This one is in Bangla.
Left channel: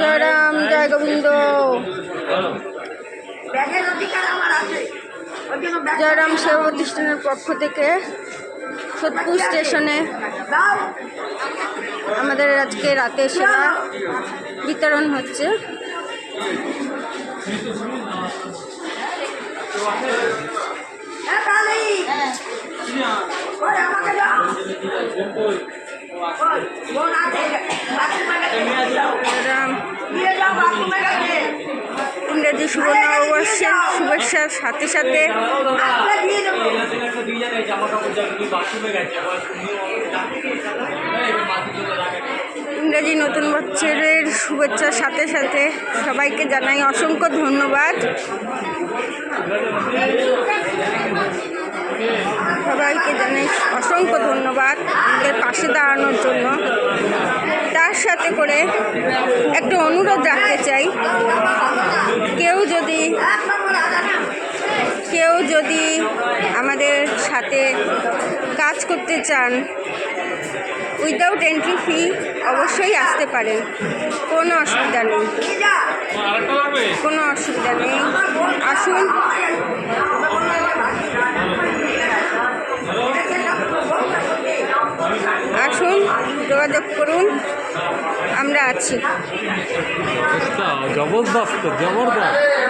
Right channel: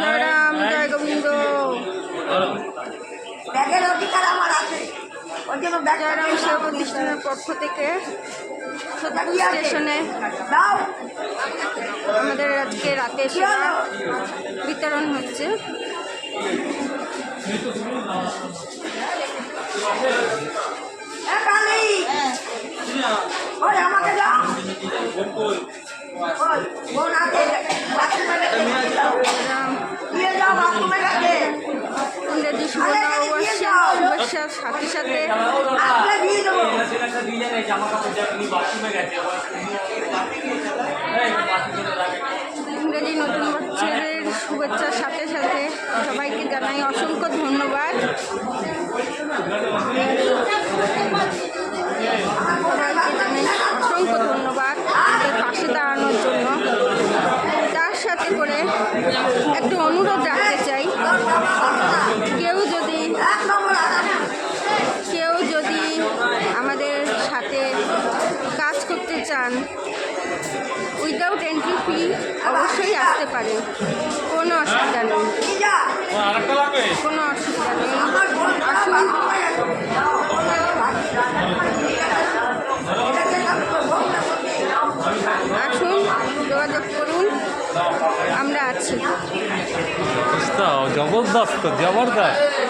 জয় রাম, জয় গোবিন্দ। জয়রাম সেবা প্রতিষ্ঠানের পক্ষ থেকে সোদপুর স্টেশনে আমাদের আজকে রাতের সেবা বিতরণ হচ্ছে। ইংরেজি শুভ নববর্ষের শুভেচ্ছার সাথে সাথে ইংরেজি নতুন বছরের শুভেচ্ছার সাথে সাথে সবাইকে জানাই অসংখ্য ধন্যবাদ। সবাইকে জানাই অসংখ্য ধন্যবাদ আমাদের পাশে দাঁড়ানোর জন্য। তার সাথে করে একটু অনুরোধ রাখতে চাই, কেউ যদি আমাদের সাথে কাজ করতে চান উইদাউট এন্ট্রি ফি অবশ্যই আসতে পারেন, কোনো অসুবিধা নেই, কোনো অসুবিধা নেই। আসুন, আসুন, যোগাযোগ করুন, আমরা আছি। জবরদস্ত জবরদস্ত।